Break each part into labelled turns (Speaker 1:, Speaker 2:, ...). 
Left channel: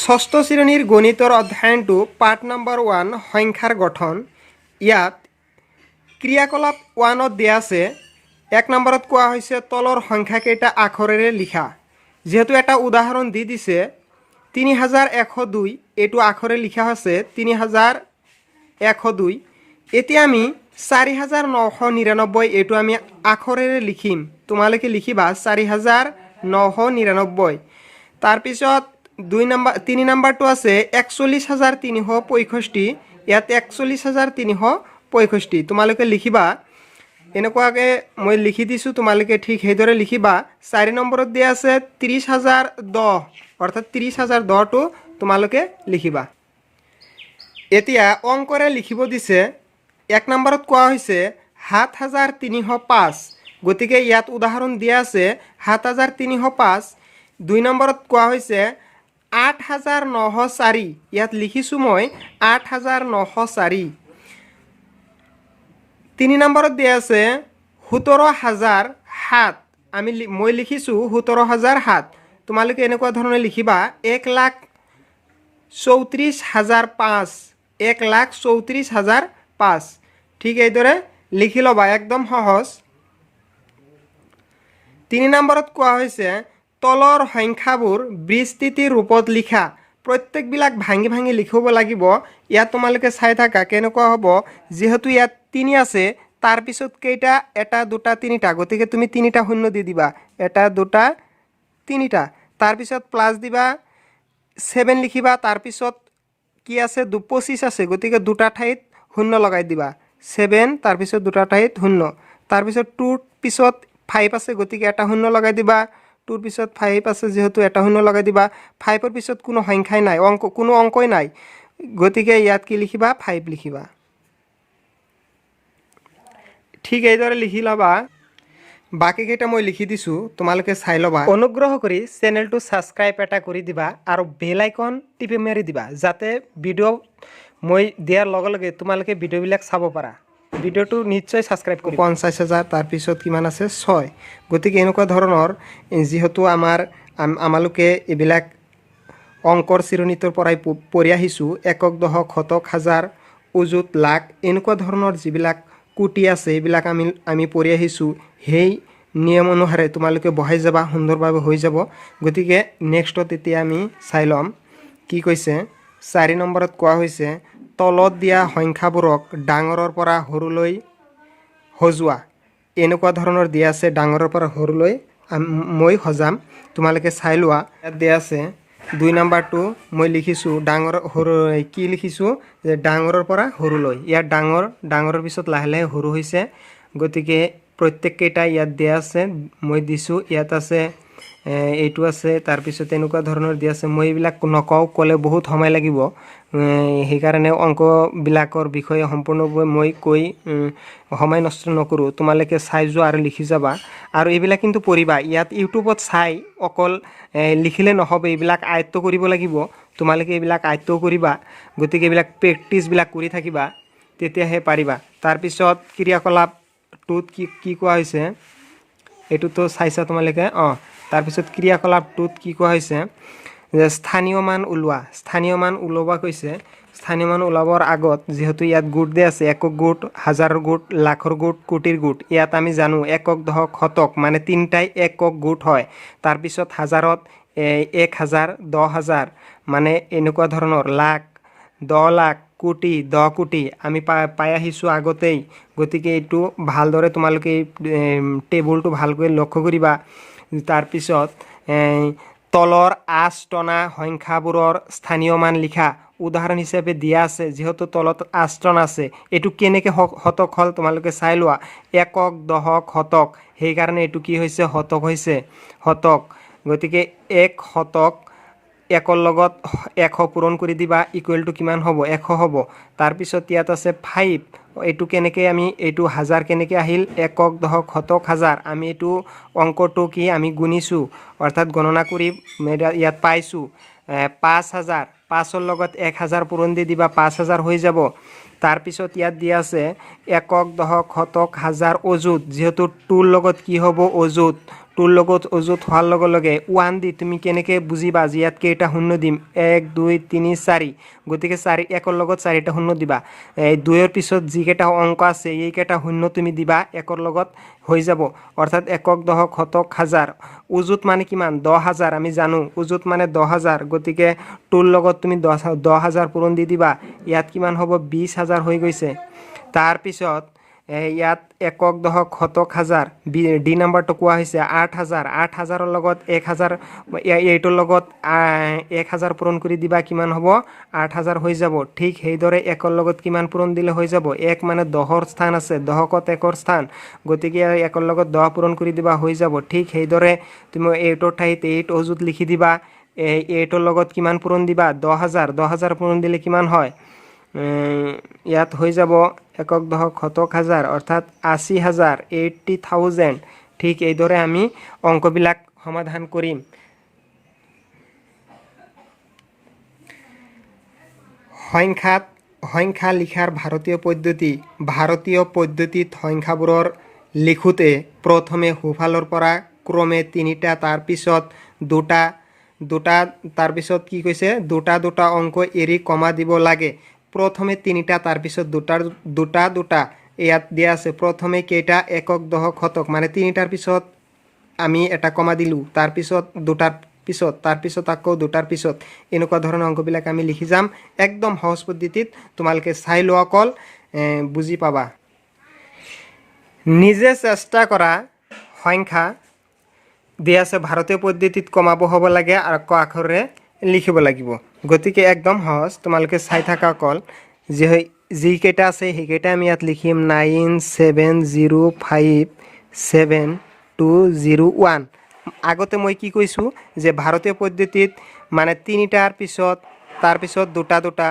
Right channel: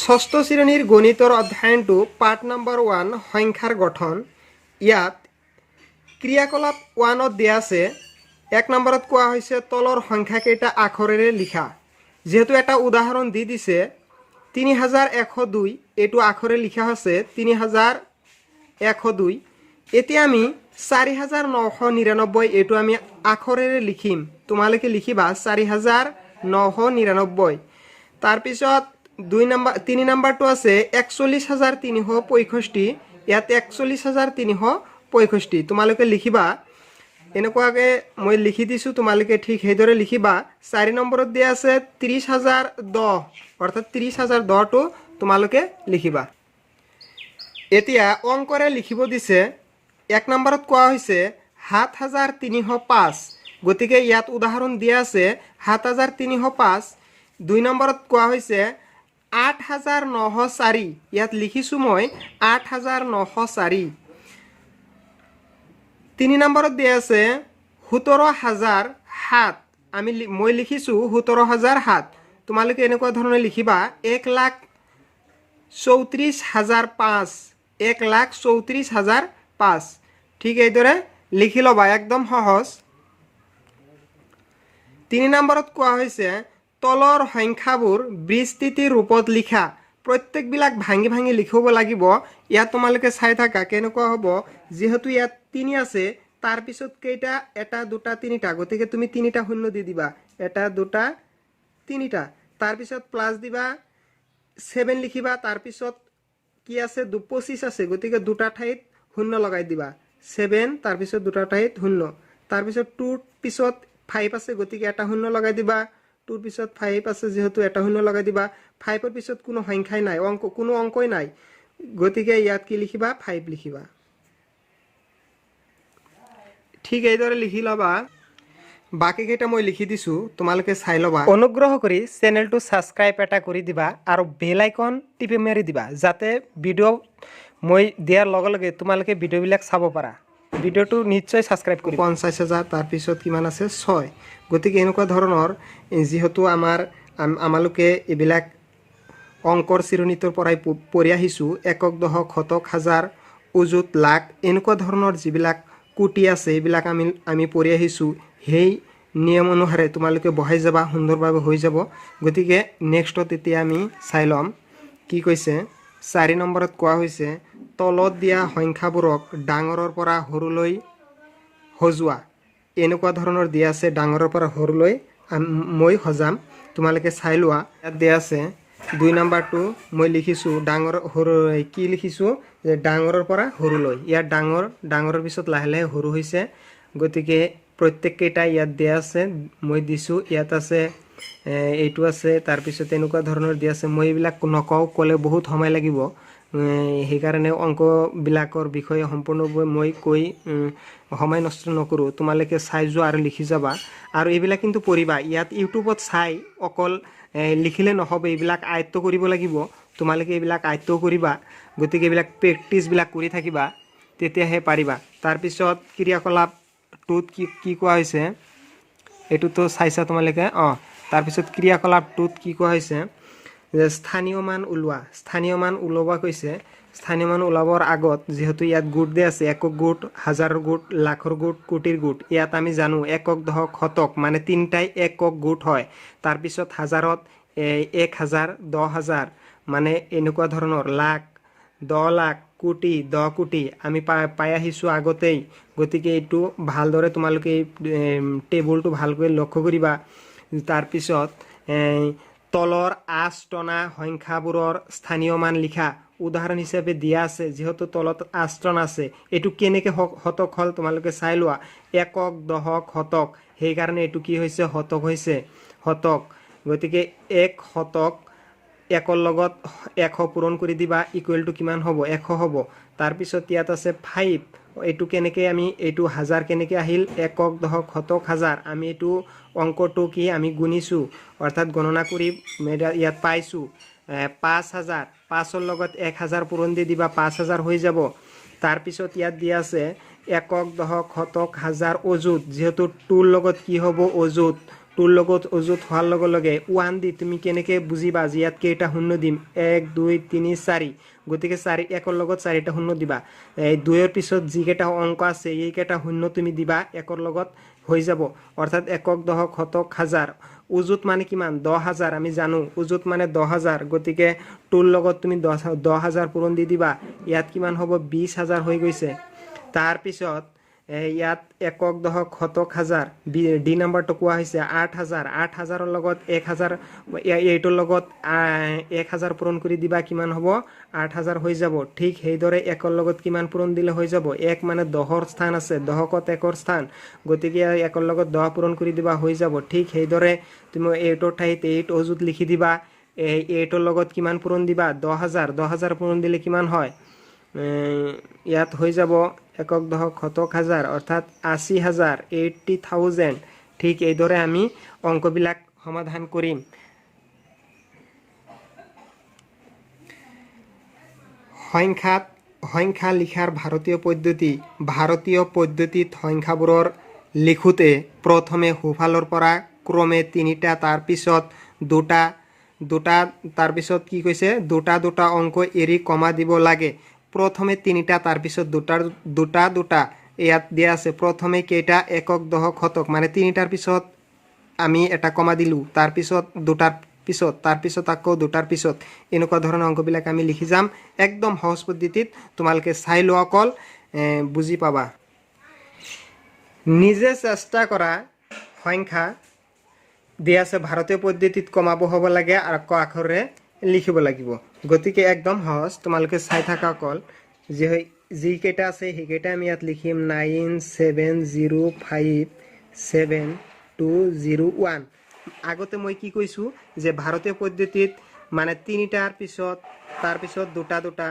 Speaker 1: ষষ্ঠ শ্ৰেণীৰ গণিতৰ অধ্যয়নটো পাঠ নম্বৰ ওৱান সংখ্যাৰ গঠন। ইয়াত ক্ৰিয়াকলাপ ওৱানত দিয়া আছে। এক নম্বৰত কোৱা হৈছে তলৰ সংখ্যাকেইটা আখৰেৰে লিখা। যিহেতু এটা উদাহৰণ দি দিছে তিনি হাজাৰ এশ দুই, এইটো আখৰে লিখা হৈছে তিনি হাজাৰ এশ দুই। এতিয়া আমি চাৰি হাজাৰ নশ নিৰান্নব্বৈ, এইটো আমি আখৰেৰে লিখিম। তোমালোকে লিখিবা চাৰি হাজাৰ নশ নিৰান্নব্বৈ। তাৰপিছত দুই নম্বৰ তিনি নম্বৰটো আছে একচল্লিছ হাজাৰ তিনিশ পঁয়ষষ্ঠি, ইয়াত একচল্লিছ হাজাৰ তিনিশ পঁয়ষষ্ঠি। তোমালোকে লিখিবা এনেকুৱাকৈ মই লিখি দিছোঁ, তোমালোকে ঠিক সেইদৰে লিখিবা, চাৰি নম্বৰত দিয়া আছে ত্ৰিছ হাজাৰ দহ, অৰ্থাৎ ত্ৰিছ হাজাৰ দহটো তোমালোকে লিখিবা। এতিয়া অংকৰে লিখিব দিছে, এক নম্বৰত কোৱা হৈছে, সাত হাজাৰ তিনিশ পাঁচ, গতিকে ইয়াত উদাহৰণ দিয়া আছে, সাত হাজাৰ তিনিশ পাঁচ, দুই নম্বৰত কোৱা হৈছে আঠ হাজাৰ নশ চাৰি। ইয়াত লিখিছোঁ মই আঠ হাজাৰ নশ চাৰি। তিনি নম্বৰত দিয়া আছে, সোতৰ হাজাৰ সাত। আমি মই লিখিছোঁ সোতৰ হাজাৰ সাত। তোমালোকে এনেকুৱা ধৰণে লিখিবা, এক লাখ চৌত্ৰিছ হাজাৰ পাঁচ। এক লাখ চৌত্ৰিছ হাজাৰ পাঁচ। ঠিক এইদৰে লিখি ল'বা, একদম সহজ। তিনি নম্বৰত কোৱা হৈছে তলৰ সংখ্যাবোৰ বিস্তৃতিৰ ৰূপত লিখা। প্ৰত্যেকবিলাক ভাঙি ভাঙি লিখিব লাগিব। ইয়াত তোমালোকে চাই থাকা কেনেকুৱা হ'ব। যিহেতু ইয়াত তিনি আছে তাৰপিছত কেইটা? এটা, দুটা, তিনিটা। গতিকে তুমি তিনিটা শূন্য দি দিবা। এটা, দুটা, তিনিটা। তাৰপিছত প্লাছ দিবা ছেভেন লিখিবা। তাৰপিছত কি আছে? দু, পঁচিছ আছে। গতিকে দুটা ঠাইত শূন্য লগাই দিবা। ছেভেন তাৰপিছত দুটা ঠাইত শূন্য। তাৰপিছত টুৰ পিছত ফাইভ আছে। গতিকে এটা শূন্য লগাই দিবা। টুৰ পিছত ফাইভ আছে, যিহেতু এটা শূন্য লগাই দিবা। ফাইভৰ পিছত কোনো সংখ্যাই নাই, অঙ্ক, কোনো অংকই নাই। গতিকে ইয়াত কি লিখিবা? ফাইভ লিখিবা। ঠিক এইদৰে লিখি ল'বা। বাকীকেইটা মই লিখি দিছোঁ, তোমালোকে চাই ল'বা। অনুগ্ৰহ কৰি চেনেলটো ছাবস্ক্ৰাইব এটা কৰি দিবা আৰু বেল আইকন টিপি মাৰি দিবা, যাতে ভিডিঅ' মই দিয়াৰ লগে লগে তোমালোকে ভিডিঅ'বিলাক চাব পাৰা। ভিডিঅ'টো নিশ্চয় ছাবস্ক্ৰাইব কৰি পঞ্চাছ হাজাৰ তাৰপিছত কিমান আছে? ছয়। গতিকে এনেকুৱা ধৰণৰ যিহেতু আমাৰ আমালোকে এইবিলাক অংকৰ চিৰণিটোৰ পৰাই পঢ়ি আহিছোঁ, একক দশক শতক হাজাৰ উজুত লাখ, এনেকুৱা ধৰণৰ যিবিলাক কোটি আছে, এইবিলাক আমি আমি পঢ়ি আহিছোঁ, সেই নিয়ম অনুসাৰে তোমালোকে বহাই যাবা, সুন্দৰভাৱে হৈ যাব। গতিকে নেক্সটত এতিয়া আমি চাই ল'ম। কি কৈছে? চাৰি নম্বৰত কোৱা হৈছে তলত দিয়া সংখ্যাবোৰক ডাঙৰৰ পৰা সৰুলৈ সজোৱা। এনেকুৱা ধৰণৰ দিয়া আছে ডাঙৰৰ পৰা সৰুলৈ। মই সজাম তোমালোকে চাই লোৱা। ইয়াত দিয়া আছে দুই নম্বৰটো মই লিখিছোঁ ডাঙৰ সৰু কি লিখিছোঁ? যে ডাঙৰৰ পৰা সৰুলৈ। ইয়াত ডাঙৰ ডাঙৰৰ পিছত লাহে লাহে সৰু হৈছে। গতিকে প্ৰত্যেককেইটা ইয়াত দিয়া আছে মই দিছোঁ। ইয়াত আছে এইটো আছে তাৰপিছত এনেকুৱা ধৰণৰ দিয়া আছে। মই এইবিলাক নকওঁ ক'লে বহুত সময় লাগিব। সেইকাৰণে অংকবিলাকৰ বিষয়ে সম্পূৰ্ণভাৱে মই কৈ সময় নষ্ট নকৰোঁ। তোমালোকে চাই যোৱা আৰু লিখি যাবা। আৰু এইবিলাক কিন্তু পঢ়িবা। ইয়াত ইউটিউবত চাই অকল লিখিলে নহ'ব। এইবিলাক আয়ত্ব কৰিব লাগিব। তোমালোকে এইবিলাক আয়ত্ব কৰিবা। গতিকে এইবিলাক প্ৰেক্টিচবিলাক কৰি থাকিবা। তেতিয়াহে পাৰিবা। তাৰপিছত ক্ৰিয়াকলাপটোত কি কি কোৱা হৈছে? এইটোতো চাইছা তোমালোকে? অঁ। তাৰপিছত ক্ৰিয়াকলাপটোত কি কোৱা হৈছে? যে স্থানীয় মান ওলোৱা। স্থানীয় মান ওলাব কৈছে, স্থানীয় মান ওলাবৰ আগত যিহেতু ইয়াত গোট দিয়া আছে, একক গোট, হাজাৰৰ গোট, লাখৰ গোট, কোটিৰ গোট, ইয়াত আমি জানো একক দশক শতক মানে তিনিটাই একক গোট হয়। তাৰপিছত হাজাৰত এক হাজাৰ, দহ হাজাৰ মানে এনেকুৱা ধৰণৰ লাখ, দহ লাখ কোটি, দহ কোটি, আমি পাই আহিছোঁ আগতেই। গতিকে এইটো ভালদৰে তোমালোকে টেবুলটো ভালকৈ লক্ষ্য কৰিবা। তাৰপিছত তলৰ আঁচ টনা সংখ্যাবোৰৰ স্থানীয় মান লিখা উদাহৰণ হিচাপে দিয়া আছে, যিহেতু তলত আঁচটন আছে। এইটো কেনেকৈ শতক হ'ল তোমালোকে চাই লোৱা। একক দশক শতক সেইকাৰণে এইটো কি হৈছে? শতক হৈছে। শতক গতিকে এক শতক একৰ লগত এশ পূৰণ কৰি দিবা ইকুৱেল টু কিমান হ'ব? এশ হ'ব। তাৰপিছত ইয়াত আছে ফাইভ এইটো কেনেকৈ আমি, এইটো হাজাৰ কেনেকৈ আহিল? একক দশক শতক হাজাৰ। আমি এইটো অংকটো কি আমি গুণিছোঁ? অৰ্থাৎ গণনা কৰি ইয়াত পাইছোঁ। পাঁচ হাজাৰ। পাঁচৰ লগত এক হাজাৰ পূৰণ দি দিবা, পাঁচ হাজাৰ হৈ যাব। তাৰপিছত ইয়াত দিয়া আছে, একক দশক শতক হাজাৰ অযুত। যিহেতু টুৰ লগত কি হ'ব? অযুত। টুৰ লগত অযুত হোৱাৰ লগে লগে ওৱান দি তুমি কেনেকৈ বুজিবা যে ইয়াত কেইটা শূন্য দিম? এক, দুই, তিনি, চাৰি। গতিকে চাৰি, একৰ লগত চাৰিটা শূন্য দিবা। এই দুইৰ পিছত যিকেইটা অঙ্ক আছে, এইকেইটা শূন্য তুমি দিবা, একৰ লগত হৈ যাব। অৰ্থাৎ একক দশক শতক হাজাৰ। উজুত মানে কিমান? দহ হাজাৰ, আমি জানো। উজুত মানে দহ হাজাৰ। গতিকে টুৰ লগত তুমি দহ দহ হাজাৰ পূৰণ দি দিবা। ইয়াত কিমান হ'ব? বিছ হাজাৰ হৈ গৈছে। তাৰপিছত ইয়াত একক দশক শতক হাজাৰ। বি, ডি নাম্বাৰটো কোৱা হৈছে আঠ হাজাৰ। আঠ হাজাৰৰ লগত এক হাজাৰ এইটোৰ লগত এক হাজাৰ পূৰণ কৰি দিবা কিমান হ'ব? আঠ হাজাৰ হৈ যাব। ঠিক সেইদৰে একৰ লগত কিমান পূৰণ দিলে হৈ যাব? এক মানে দহৰ স্থান আছে। দহকত একৰ স্থান। গতিকে একৰ লগত দহ পূৰণ কৰি দিবা হৈ যাব। ঠিক সেইদৰে তুমি এইটোৰ ঠাইত এইট অজুত লিখি দিবা। এই এইটোৰ লগত কিমান পূৰণ দিবা? দহ হাজাৰ। দহ হাজাৰ পূৰণ দিলে কিমান হয়? ইয়াত হৈ যাব একক দশক শতক হাজাৰ, অৰ্থাৎ আশী হাজাৰ এইট্টি থাউজেণ্ড ঠিক এইদৰে আমি অংকবিলাক সমাধান কৰিম। সংখ্যাত, সংখ্যা লিখাৰ ভাৰতীয় পদ্ধতি, ভাৰতীয় পদ্ধতিত সংখ্যাবোৰৰ লিখোঁতে প্ৰথমে সোঁফালৰ পৰা ক্ৰমে তিনিটা তাৰপিছত দুটা দুটা তাৰপিছত কি কৈছে? দুটা দুটা অঙ্ক এৰি কমা দিব লাগে। প্ৰথমে তিনিটা তাৰপিছত দুটাৰ দুটা দুটা ইয়াত দিয়া আছে প্ৰথমে কেইটা একক দশক শতক মানে তিনিটাৰ পিছত আমি এটা কমা দিলোঁ তাৰপিছত দুটাৰ পিছত তাৰপিছত আকৌ দুটাৰ পিছত। এনেকুৱা ধৰণৰ অংকবিলাক আমি লিখি যাম। একদম সহজ পদ্ধতিত তোমালোকে চাই লোৱা অকল বুজি পাবা। নিজে চেষ্টা কৰা সংখ্যা। দিয়া আছে, ভাৰতীয় পদ্ধতিত কমাব হ'ব লাগে আৰু ক আখৰে লিখিব লাগিব। গতিকে একদম সহজ, তোমালোকে চাই থাকা অকল যি যিকেইটা আছে, সেইকেইটা আমি ইয়াত লিখিম nine seven zero' five seven two zero' one. আগতে মই কি কৈছোঁ যে ভাৰতীয় পদ্ধতিত মানে তিনিটাৰ পিছত তাৰপিছত দুটা দুটা,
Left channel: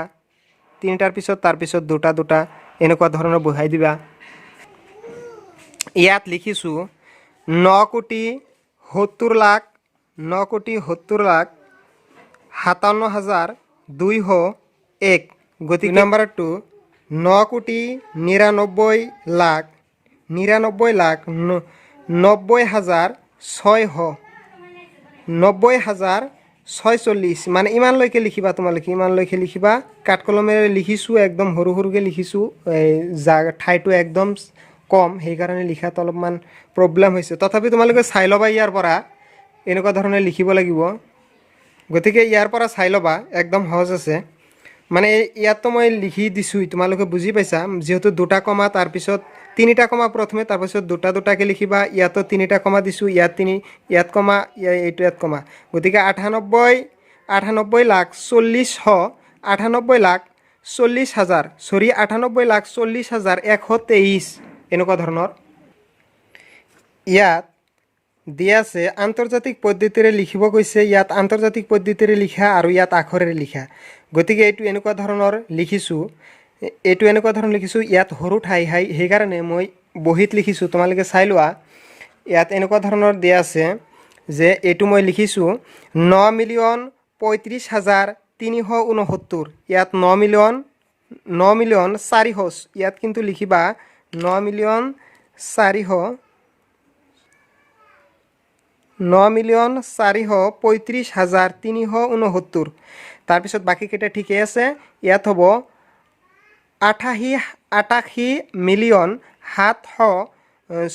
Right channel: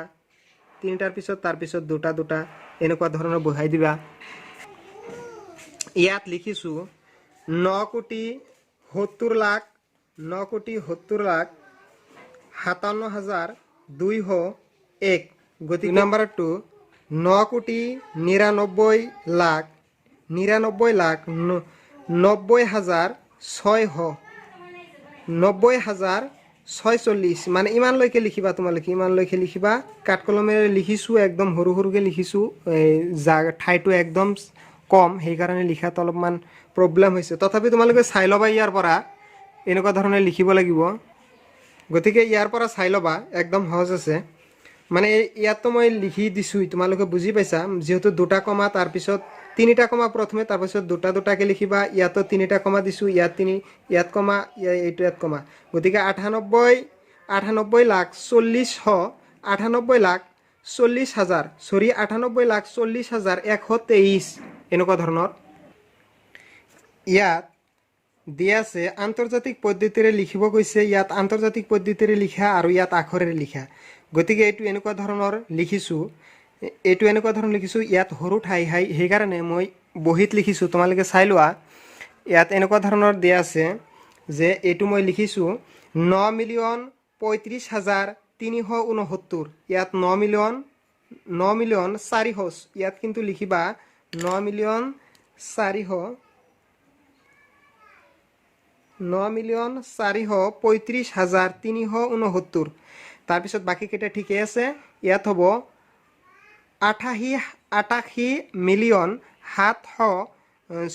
Speaker 1: তিনিটাৰ পিছত তাৰপিছত দুটা দুটা, এনেকুৱা ধৰণৰ বহাই দিবা। ইয়াত লিখিছোঁ ন কোটি সত্তৰ লাখ, ন কোটি সত্তৰ লাখ সাতাৱন্ন হাজাৰ দুইশ এক। গতিকে নম্বৰটো ন কোটি নিৰান্নব্বৈ লাখ নিৰান্নব্বৈ লাখ নব্বৈ হাজাৰ ছয়শো নব্বৈ হাজাৰ ছয়চল্লিছ মানে ইমানলৈকে লিখিবা তোমালোকে ইমানলৈকে লিখিবা কাঠ কলমেৰে লিখিছোঁ একদম সৰু সৰুকৈ লিখিছোঁ জা ঠাইটো একদম কম সেইকাৰণে লিখাত অলপমান প্ৰব্লেম হৈছে। তথাপি তোমালোকে চাই ল'বা ইয়াৰ পৰা এনেকুৱা ধৰণে লিখিব লাগিব। গতিকে ইয়াৰ পৰা চাই ল'বা, একদম সহজ আছে। মানে ইয়াততো মই লিখি দিছোঁ তোমালোকে বুজি পাইছা। যিহেতু দুটা কমা তাৰপিছত তিনিটা কমা প্ৰথমে তাৰপিছত দুটা দুটাকৈ লিখিবা। ইয়াতো তিনিটা কমা দিছোঁ, ইয়াত তিনি, ইয়াত কমা এইটো, ইয়াত কমা। গতিকে আঠানব্বৈ আঠানব্বৈ লাখ চল্লিছশ আঠানব্বৈ লাখ চল্লিছ হাজাৰ, চৰি, আঠানব্বৈ লাখ চল্লিছ হাজাৰ এশ তেইছ এনেকুৱা ধৰণৰ। ইয়াত দিয়া আছে আন্তৰ্জাতিক পদ্ধতিৰে লিখিব কৈছে, ইয়াত আন্তৰ্জাতিক পদ্ধতিৰে লিখা আৰু ইয়াত আখৰেৰে লিখা। গতিকে এইটো এনেকুৱা ধৰণৰ লিখিছোঁ, এইটো এনেকুৱা ধৰণৰ লিখিছোঁ, ইয়াত সৰু ঠাই, হাই, সেইকাৰণে মই বহীত লিখিছোঁ, তোমালোকে চাই লোৱা। ইয়াত এনেকুৱা ধৰণৰ দিয়া আছে যে এইটো মই লিখিছোঁ, ন মিলিয়ন পঁয়ত্ৰিছ হাজাৰ তিনিশ ঊনসত্তৰ। ইয়াত ন মিলিয়ন ন মিলিয়ন চাৰিশ, ইয়াত কিন্তু লিখিবা, ন মিলিয়ন চাৰিশ ন মিলিয়ন চাৰিশ পঁয়ত্ৰিছ হাজাৰ তিনিশ ঊনসত্তৰ তাৰপিছত বাকীকেইটা ঠিকেই আছে? ইয়াত হ'ব আঠাশী আঠাশী মিলিয়ন সাতশ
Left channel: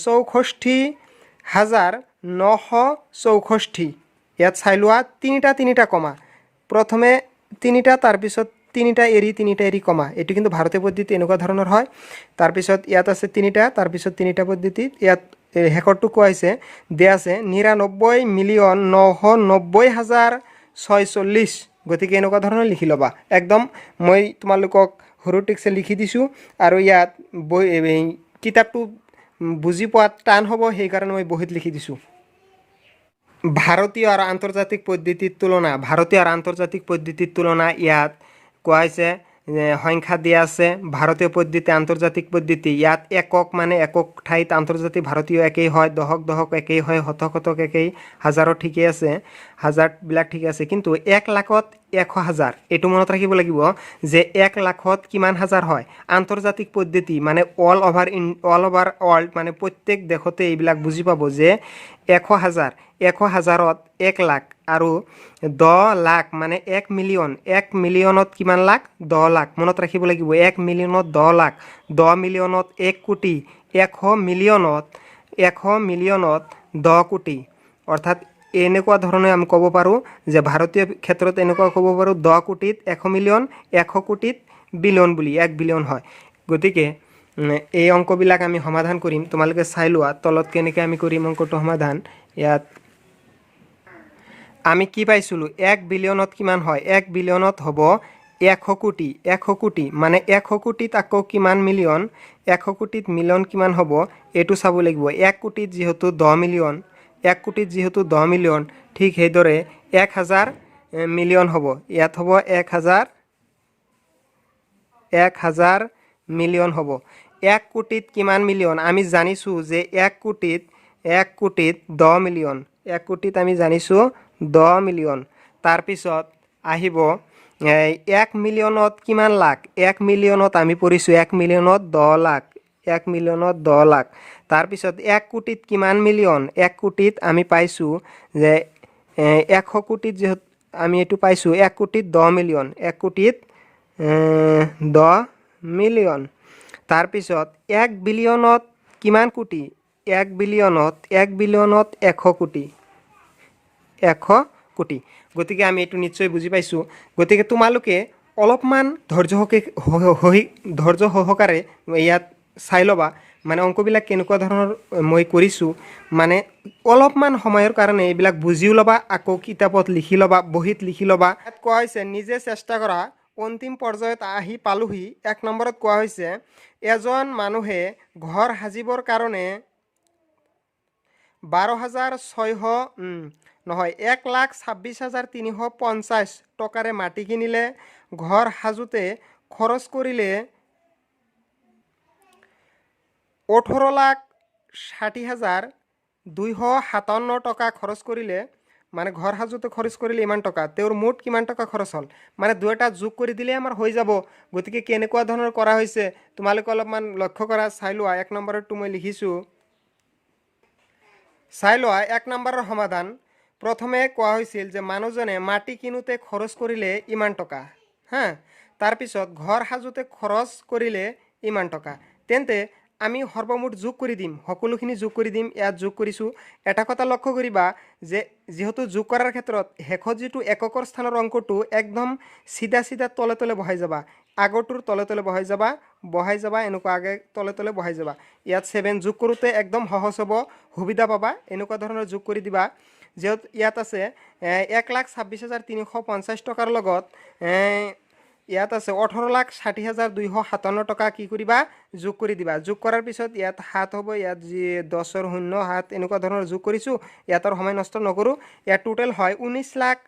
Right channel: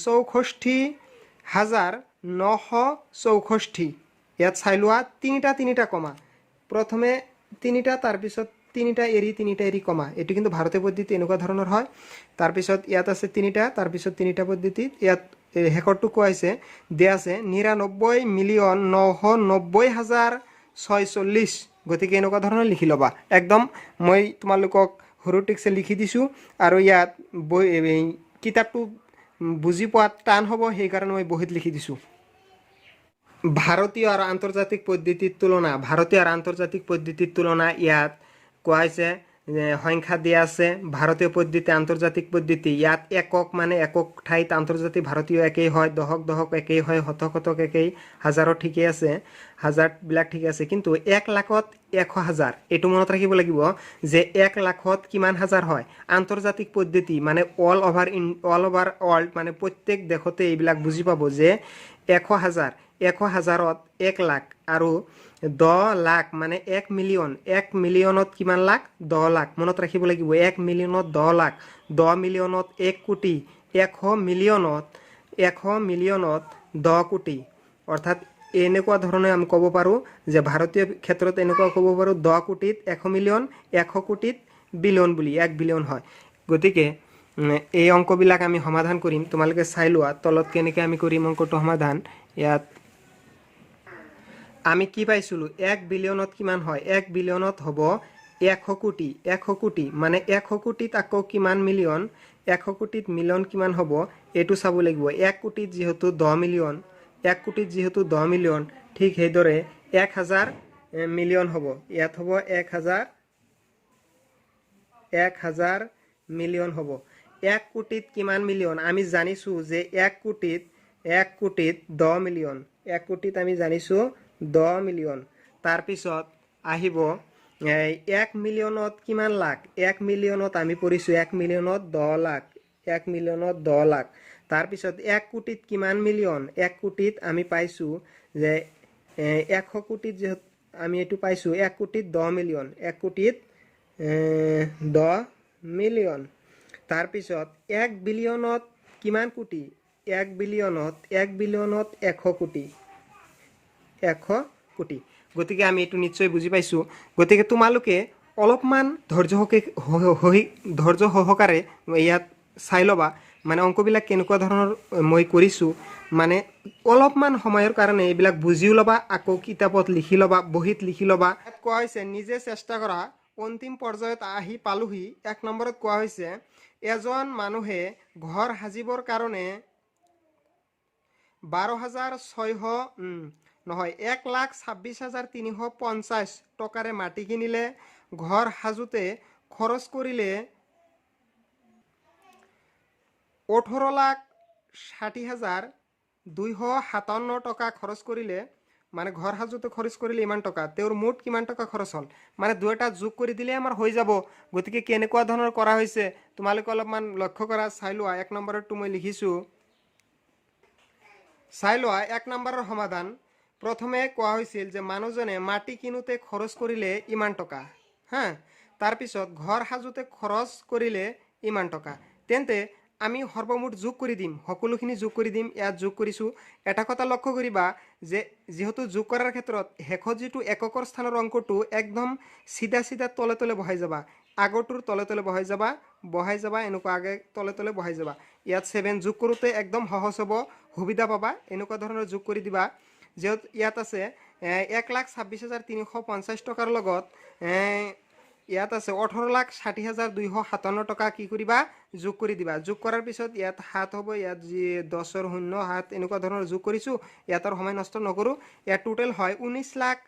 Speaker 1: চৌষষ্ঠি হাজাৰ নশ চৌষষ্ঠি। ইয়াত চাই লোৱা, তিনিটা তিনিটা কমা। প্ৰথমে তিনিটা, তাৰপিছত তিনিটা এৰি তিনিটা এৰি কমা। এইটো কিন্তু ভাৰতীয় পদ্ধতি এনেকুৱা ধৰণৰ হয়। তাৰপিছত ইয়াত আছে তিনিটা, তাৰপিছত তিনিটা পদ্ধতিত ইয়াত শেষৰটো কোৱা দিয়া আছে নিৰান্নব্বৈ মিলিয়ন নশ নব্বৈ হাজাৰ ছয়চল্লিছ গতিকে এনেকুৱা ধৰণৰ লিখি ল'বা। একদম মই তোমালোকক সৰু টেক্সে লিখি দিছোঁ আৰু ইয়াত বৈ কিতাপটো বুজি পোৱাত টান হ'ব, সেইকাৰণে মই বহীত লিখি দিছোঁ। ভাৰতীয় আৰু আন্তৰ্জাতিক পদ্ধতিৰ তুলনা ভাৰতীয় আৰু আন্তৰ্জাতিক পদ্ধতিৰ তুলনা ইয়াত কোৱা হৈছে সংখ্যা দিয়া আছে, ভাৰতীয় পদ্ধতি আন্তৰ্জাতিক পদ্ধতি। ইয়াত একক মানে একক ঠাইত আন্তৰ্জাতিক ভাৰতীয় একেই হয় দশক দশক একেই হয়, শতক শতক একেই, হাজাৰত ঠিকেই আছে, হাজাৰবিলাক ঠিকে আছে। কিন্তু এক লাখত এশ হাজাৰ, এইটো মনত ৰাখিব লাগিব যে এক লাখত কিমান হাজাৰ হয়। আন্তৰ্জাতিক পদ্ধতি মানে all over in all over world মানে প্ৰত্যেক দেশতে এইবিলাক বুজি পাব যে এশ হাজাৰ এশ হাজাৰত এক লাখ আৰু দহ লাখ মানে এক মিলিয়ন। এক মিলিয়নত কিমান লাখ? দহ লাখ। মনত ৰাখিব লাগিব, এক মিলিয়নত দহ লাখ। দহ মিলিয়নত এক কোটি। এশ মিলিয়নত এশ মিলিয়নত দহ কোটি। অৰ্থাৎ এনেকুৱা ধৰণে আমি ক'ব পাৰোঁ যে ভাৰতীয় ক্ষেত্ৰত এনেকুৱা ক'ব পাৰোঁ, দহ কোটিত এশ মিলিয়ন, এশ কোটিত বিলিয়ন বুলি, এক বিলিয়ন হয়। গতিকে এই অংকবিলাক আমি সমাধান কৰিম। তোমালোকে চাই লোৱা, তলত কেনেকৈ আমি কৰিম অংকটো সমাধান। ইয়াত আমি কি পাইছিলোঁ? এক বিলিয়নত কিমান হয়? এক বিলিয়নত হ'ব এশ কোটি এশ কোটি মানে এশ কোটিত আকৌ কিমান মিলিয়ন? এশ কোটিত মিলিয়ন কিমান হ'ব? এইটো চাব লাগিব। এক কোটিত যিহেতু দহ মিলিয়ন, এক কোটিত যিহেতু দহ মিলিয়ন, ঠিক সেইদৰে এক হাজাৰ মিলিয়ন হ'ব। ইয়াত হ'ব এক হাজাৰ এক হাজাৰ মিলিয়ন হ'ব। এক কোটিত কিমান মিলিয়ন? আমি জানিছোঁ যে এক কোটিত এক কোটিত দহ মিলিয়ন। এক কোটিত আমি জানিছোঁ দহ মিলিয়ন। তাৰপিছত আহিব এক মিলিয়নত কিমান লাখ? এক মিলিয়নত আমি পঢ়িছোঁ এক মিলিয়নত দহ লাখ। এক মিলিয়নত দহ লাখ। তাৰপিছত এক কোটিত কিমান মিলিয়ন? এক কোটিত আমি পাইছোঁ যে এশ কোটিত যিহেতু আমি এইটো পাইছোঁ, এক কোটিত দহ মিলিয়ন। এক কোটিত দহ মিলিয়ন। তাৰপিছত এক বিলিয়নত কিমান কোটি? এক বিলিয়নত এক বিলিয়নত এশ কোটি। এশ কোটি। গতিকে আমি এইটো নিশ্চয় বুজি পাইছোঁ। গতিকে তোমালোকে অলপমান ধৈৰ্য ধৈৰ্য সহকাৰে ইয়াত চাই ল'বা। মানে অংকবিলাক কেনেকুৱা ধৰণৰ মই কৰিছোঁ। মানে অলপমান সময়ৰ কাৰণে এইবিলাক বুজিও ল'বা, আকৌ কিতাপত লিখি ল'বা, বহীত লিখি ল'বা। ইয়াত কোৱা হৈছে, নিজে চেষ্টা কৰা। অন্তিম পৰ্যায়ত আহি পালোহি। এক নম্বৰত কোৱা হৈছে, এজন মানুহে ঘৰ সাজিবৰ কাৰণে বাৰ হাজাৰ ছয়শো নহয়, এক লাখ ছাব্বিছ হাজাৰ তিনিশ পঞ্চাছ টকাৰে মাটি কিনিলে। ঘৰ সাজোতে খৰচ কৰিলে ওঠৰ লাখ ষাঠি হাজাৰ দুইশ সাতাৱন্ন টকা খৰচ কৰিলে। মানে ঘৰ সাজোতে খৰচ কৰিলে ইমান টকা তেওঁৰ মুঠ কিমান টকা খৰচ হ'ল? মানে দুয়োটা যোগ কৰি দিলে আমাৰ হৈ যাব। গতিকে কেনেকুৱা ধৰণৰ কৰা হৈছে তোমালোকে অলপমান লক্ষ্য কৰা চাই লোৱা এক নম্বৰতটো মই লিখিছোঁ। চাই লোৱা এক নম্বৰৰ সমাধান। প্ৰথমে কোৱা হৈছিল যে মানুহজনে মাটি কিনোতে খৰচ কৰিলে ইমান টকা হা? তাৰপিছত ঘৰ সাজোতে খৰচ কৰিলে ইমান টকা। তেন্তে আমি সৰ্বমুঠ যোগ কৰি দিম, সকলোখিনি যোগ কৰি দিম, ইয়াত যোগ কৰিছোঁ। এটা কথা লক্ষ্য কৰিবা যে যিহেতু যোগ কৰাৰ ক্ষেত্ৰত শেষত যিটো এককৰ স্থানৰ অংকটো একদম চিধা চিধা তলে তলে বহাই যাবা। আগৰটোৰ তলে তলে বহাই যাবা বহাই যাবা, এনেকুৱা আগে তলে তলে বহাই যাবা। ইয়াত ছেভেন যোগ কৰোঁতে একদম সহজ হ'ব, সুবিধা পাবা, এনেকুৱা ধৰণৰ যোগ কৰি দিবা। যিহেতু ইয়াত আছে এক লাখ ছাব্বিছ হাজাৰ তিনিশ পঞ্চাছ টকাৰ লগত ইয়াত আছে ওঠৰ লাখ ষাঠি হাজাৰ দুইশ সাতাৱন্ন টকা। কি কৰিবা? যোগ কৰি দিবা। যোগ কৰাৰ পিছত ইয়াত সাত হ'ব ইয়াত যি দহৰ শূন্য সাত এনেকুৱা ধৰণৰ যোগ কৰিছোঁ ইয়াত আৰু সময় নষ্ট নকৰোঁ। ইয়াত টোটেল হয় ঊনৈছ লাখ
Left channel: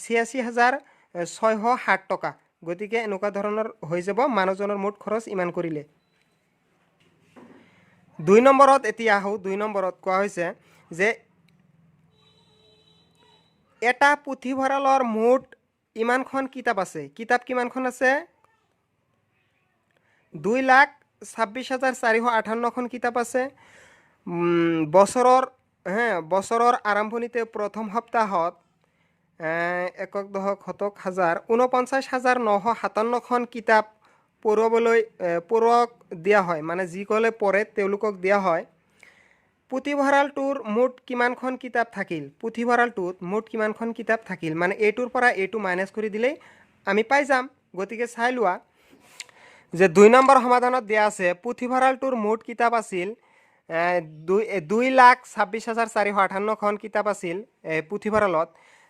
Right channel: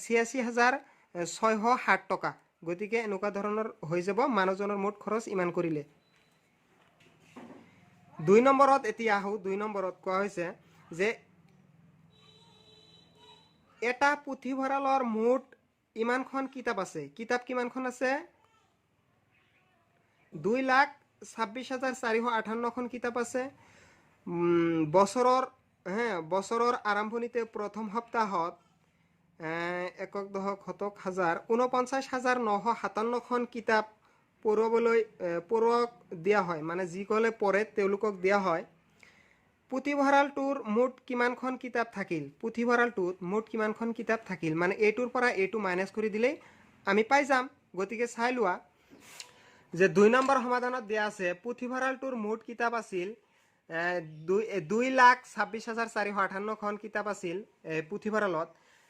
Speaker 1: ছিয়াশী হাজাৰ ছয়শ সাত টকা। গতিকে এনেকুৱা ধৰণৰ হৈ যাব মানুহজনৰ মুঠ খৰচ ইমান কৰিলে। দুই নম্বৰত এতিয়া আহোঁ দুই নম্বৰত কোৱা হৈছে যে এটা পুথিভঁৰালৰ মুঠ ইমানখন কিতাপ আছে। কিতাপ কিমানখন আছে? দুই লাখ ছাব্বিছ হাজাৰ চাৰিশ আঠাৱন্নখন কিতাপ আছে। বছৰৰ, হে, বছৰৰ আৰম্ভণিতে প্ৰথম সপ্তাহত একক দশক শতক হাজাৰ ঊনপঞ্চাছ হাজাৰ নশ সাতাৱন্নখন কিতাপ পঢ়ুৱাবলৈ পঢ়ুৱাক দিয়া হয়। মানে যিসকলে পঢ়ে, তেওঁলোকক দিয়া হয়। পুথিভঁৰালটোৰ মুঠ কিমানখন কিতাপ থাকিল? পুথিভঁৰালটোত মুঠ কিমানখন কিতাপ থাকিল? মানে এইটোৰ পৰা এইটো মাইনাছ কৰি দিলেই আমি পাই যাম। গতিকে চাই লোৱা যে দুই নম্বৰ সমাধানত দিয়া আছে পুথিভঁৰালটোৰ মুঠ কিতাপ আছিল দুই দুই লাখ ছাব্বিছ হাজাৰ চাৰিশ আঠাৱন্নখন কিতাপ আছিল পুথিভঁৰালত।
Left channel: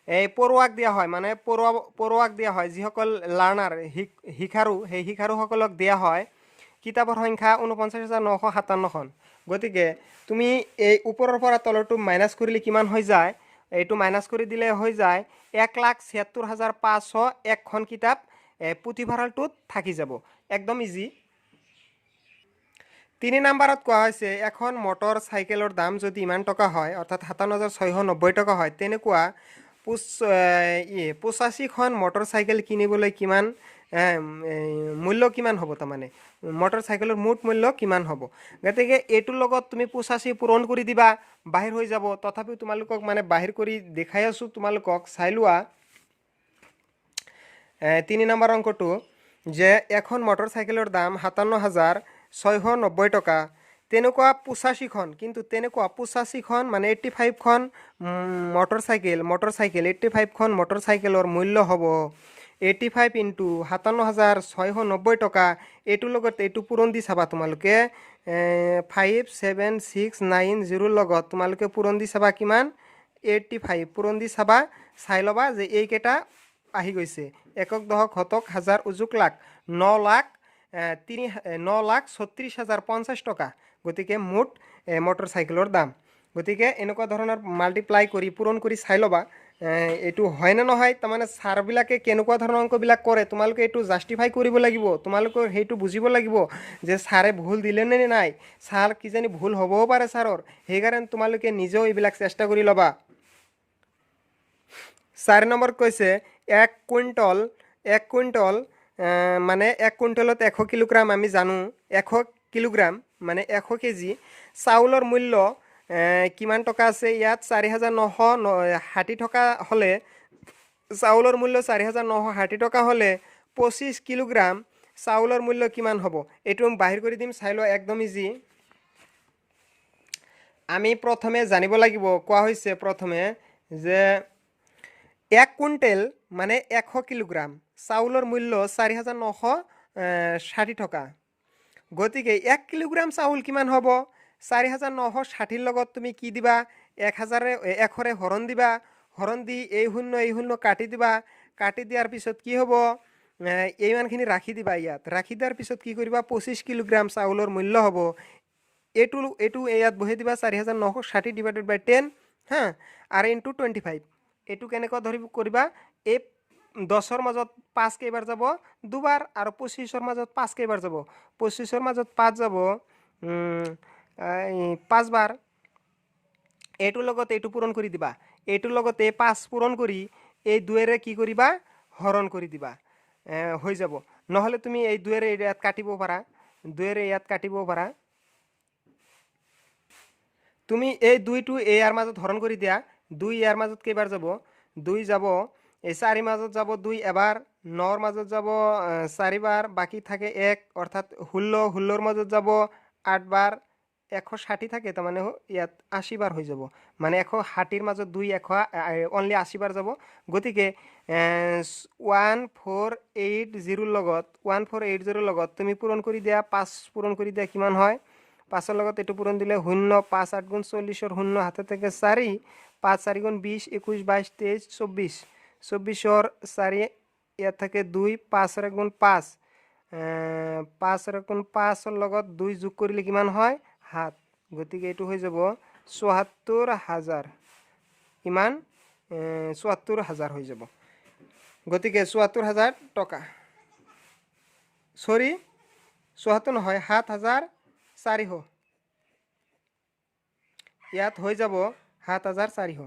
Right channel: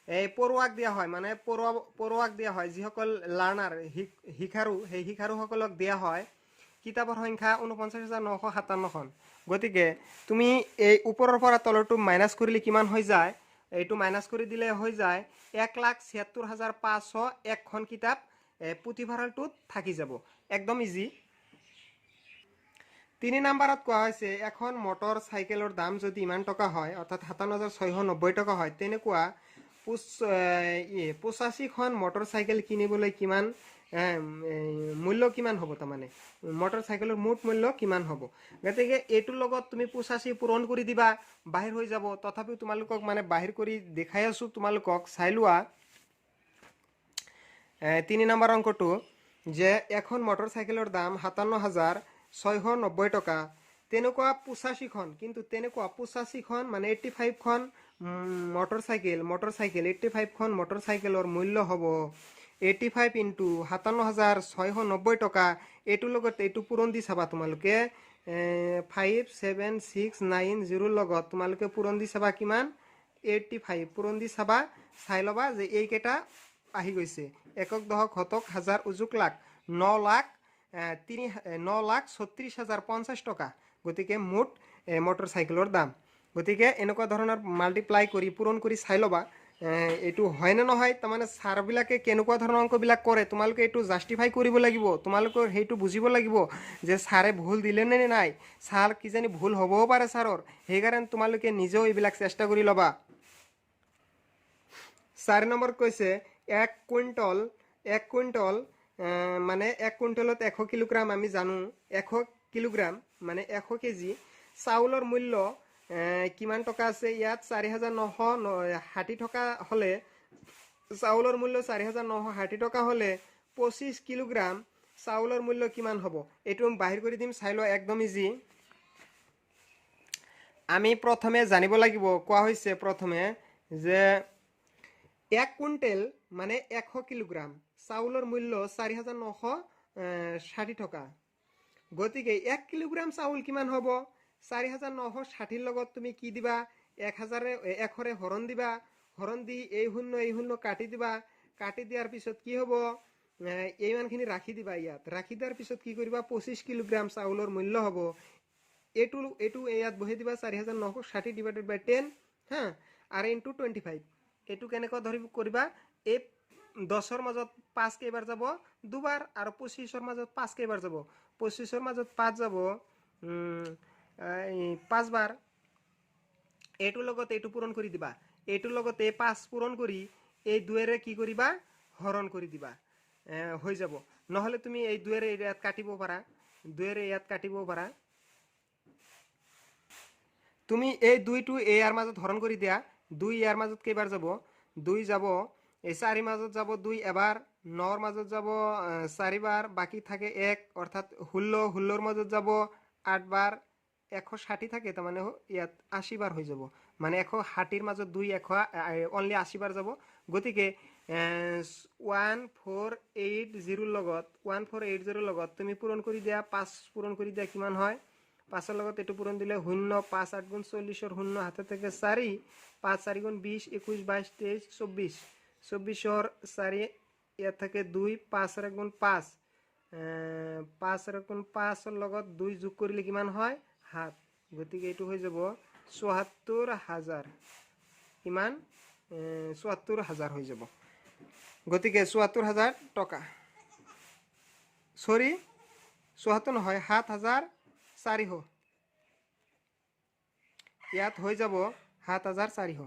Speaker 1: এই পঢ়ুৱাক দিয়া হয় মানে পঢ়ুৱা পঢ়ুৱাক দিয়া হয়, যিসকল লাৰ্ণাৰ শিক, শিকাৰু, সেই শিকাৰুসকলক দিয়া হয় কিতাপৰ সংখ্যা ঊনপঞ্চাছ হাজাৰ নশ সাতাৱন্নখন গতিকে তুমি এই ওপৰৰ পৰা তলৰটো মাইনাছ কৰিলে কিমান হৈ যায়? এইটো মাইনাছ কৰি দিলে হৈ যায় এক লাখ ছিয়াত্তৰ হাজাৰ পাঁচশো একখন কিতাপ পুথিভঁৰালটোত থাকি যাব। একদম ইজি তিনি নাম্বাৰত কোৱা হৈছে, এখন মটৰ চাইকেলৰ দাম যদি ইমান টকা হয়, অৰ্থাৎ সাতাৱন্ন হাজাৰ ছয়শো নব্বৈ টকা হয়, তেনেকুৱা পঁচাশীখন মটৰ চাইকেল কিনিবলৈ কিমান মূল্য কিমান হ'ব তাৰমানে? মটৰ চাইকেলৰ মুঠ মূল্য কিমান হ'ব? গতিকে এইটোৰ লগত তুমি পঁচাশী পূৰণ কৰি দিবা, বাহিৰ হৈ যাব। তথাপিও তোমালোকক মানে বাহিৰ কৰি দেখাই আছোঁ তোমালোকক। চাই লোৱা। তিনি নম্বৰ অংকটো, যে এখন মটৰ চাইকেলৰ দাম সাতাৱন্ন হাজাৰ ছয়শো নব্বৈ টকা। তেনেকুৱা পঁচাশীখন কিন্তু তেনেকুৱা পঁচাশীখন মানে eighty ফাইভখন motor cycle motor cycle, eighty ফাইভখন motor চাইকেলৰ মূল্য হ'ব। এইট্টি ফাইভ ইণ্টু সাতাৱন্ন হাজাৰ ছয়শো নব্বৈ টকা। এইটোৰ লগত এইটো পূৰণ দি চাবা তোমালোকে। ফাইভ ছেভেন ছিক্স নাইন জিৰোৰ লগত তোমালোকে পূৰণ দি চাবা কিমান? এইট্টি ফাইভ পূৰণ দি চাবা চাই ল'বা যে এইকেইটা আহি গৈছে। একক দশক শতক হাজাৰ উজুক লাখ ন লাখ তিনি ন লাখ ছত্ৰিছ হাজাৰ পঞ্চাছ টকা। গতিকে মুঠ এ, মটৰ চাইকেলৰ দাম। গতিকে এনেকুৱা ধৰণৰ মাল্টিপ্লাই কৰি পূৰণ কৰি চাই ল'বা। এইটো হয় নে নহয়, তাৰমানে ছাৰবিলাকে কেনেকুৱা ধৰণৰ অংকবিলাক কৰে, তোমালোকে এইটো জাষ্টিফাই কৰিব লাগিব তোমালোকৰ সেইটো বুজিব লাগিব যে ছাৰে ভুল দিলে নে নাই। ছাৰ কিজানি ভুল হ'বও পাৰে ছাৰৰ, সেইকাৰণে তোমালোকে নিজেও এইবিলাক চেষ্টা কৰি ল'বা। চাৰি নম্বৰ কৈছে, এক কুইণ্টল এক কুইণ্টল মানে এক কুইণ্টলত এশ কিলোগ্ৰাম আমি জানো, এশ কিলোগ্ৰাম মানে এশ কেজি চাউলৰ মূল্য কিমান টকা আছে? ইয়াত চাৰি হাজাৰ নশ ষাঠি টকা হ'লে, চাউলৰ মূল্য চাৰি হাজাৰ নশ ষাঠি টকা হ'লে পঁচিছ কিলোগ্ৰাম, চাউলৰ মূল্য কিমান হ'ব? এইটো বাহিৰ কৰি দিম, চাই লোৱা, একদম ইজি আমি প্ৰথমে জানিব লাগিব, কোৱা হৈছে প্ৰথমে যে এক কুইণ্টেল মানে এশ কিলোগ্ৰাম, চাউলৰ মূল্য চাৰি হাজাৰ নশ ষাঠি টকা। গতিকে এক কিলোগ্ৰাম চাউল কিমান হ'ব? চাৰি হাজাৰ নশ ষাঠিৰ লগত তুমি কি দিবা? এক হাজাৰে এশৰে হৰণ দিবা। হৰণ দি এই শূন্য এই শূন্য কাটি দিবা। কাটি দিয়াৰ পিছত কি হ'ব? এ, এই ৰাখি দিবা ইয়াত। ৰাখি দিয়াৰ পিছত কি কৰিবা? পঁচিছ কিলোগ্ৰাম চাউলৰ মূল্য হ'ব। এইটো এইটো ইয়াত বহাই দিবা চাৰি হাজাৰ নশ ষাঠি ডিভাইডেড বাই টেন হা? আৰু ইনটু টুৱেণ্টি ফাইভ এইটো কেনেকুৱা ধৰি কৰিবা? এই দহৰ মাজত পাঁচ কেইবাৰ যাব? দুবাৰ। আৰু পঁচিছৰ মাজত পাঁচ কেইবাৰ যাব? পঁচিছৰ মাজত পাঁচ যাব। পাঁচবাৰ। এইটোৰ লগত এইটো পূৰণ কৰি দিবা। এইটোৰ লগত পাঁচ পূৰণ কৰি এই দুয়েৰে কি কৰিবা? হৰণ কৰি দিবা। হৈ যাব। নহ'লে তুমি এই দুয়েৰে ইয়াত কাটিব পাৰা। দুয়েৰে ইয়াত কাটিব পাৰা। তুমি এই দুইটো এই মাজত হৰণ কৰি দিয়া। দুই ইয়াৰ মাজত কেইবাৰ যাব? দুই যাব। এই চাৰি মাজত যাব দুই এবাৰ। নৰ মাজত যাব চাৰিবাৰ। বাকী থাকে এক। অৰ্থাৎ ষোল্ল। ষোল্লৰ মাজত যাব আঠবাৰ। এশ ষাঠি থাকে তাৰমানে ইয়াত আশীবাৰ হৈ যাব। মানে এশ ষাঠিৰ মাজত দুই এশ অনলি আশীবাৰ যাব। গতিকে ওৱান ফ'ৰ এইট জিৰোৰ লগত, ওৱান ফ'ৰ এইট জিৰোৰ লগত তুমি পূৰণ কৰি দিয়া, পাঁচ পূৰণ কৰি দিয়া কিমান হয়? পাঁচৰ লগত এইটো পূৰণ দিলে শূন্য, পাঁচ আঠ গুণ চল্লিছৰ শূন্য, হাতে থাকে চাৰি, পাঁচ চাৰি গুণ বিছ একৈছ বাইছ তেইছ চৌব্বিছ চৌব্বিছৰ চাৰি, ইয়াত থাকে দুই, পাঁচৰ এক গুণ পাঁচ। পাঁচৰ এক গুণ পাঁচৰ লগত দুই যোগ কৰিলে কিমান হয়? সাত গতিকে এইটো হৈ যাব চৌসত্তৰ হাজাৰ। কিমান চৌসত্তৰ হাজাৰ হৈ যাব। গতিকে চৌসত্তৰ হাজাৰ টকা। চৰি চৌসত্তৰ নহয় সাত হাজাৰ চাৰিশ। ইয়াত হৈ যাব সাত হাজাৰ চাৰিশ।